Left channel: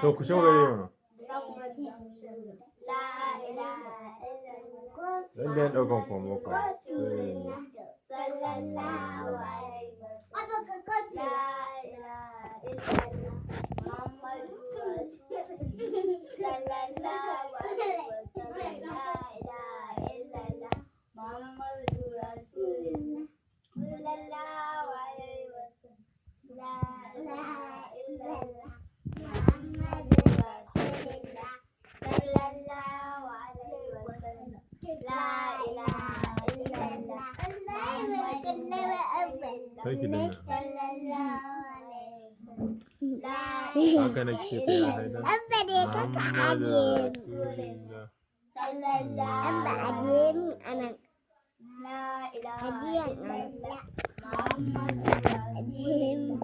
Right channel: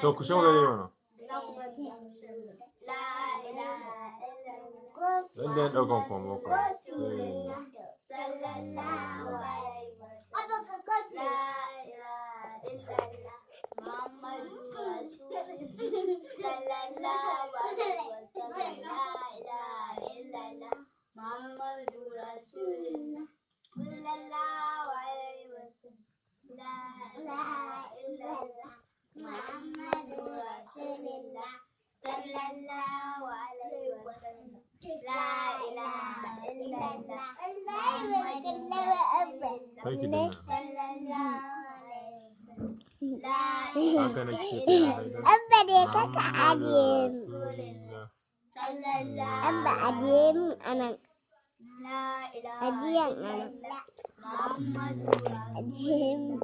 To ku ce magana mana. Zan da ɗaukan kwamma ku. Sarki dinna. Haka nake ce ya haidar. Abba dai ka ajiye Abba ajiye min anan. Ajiyan anan. Ajiye min.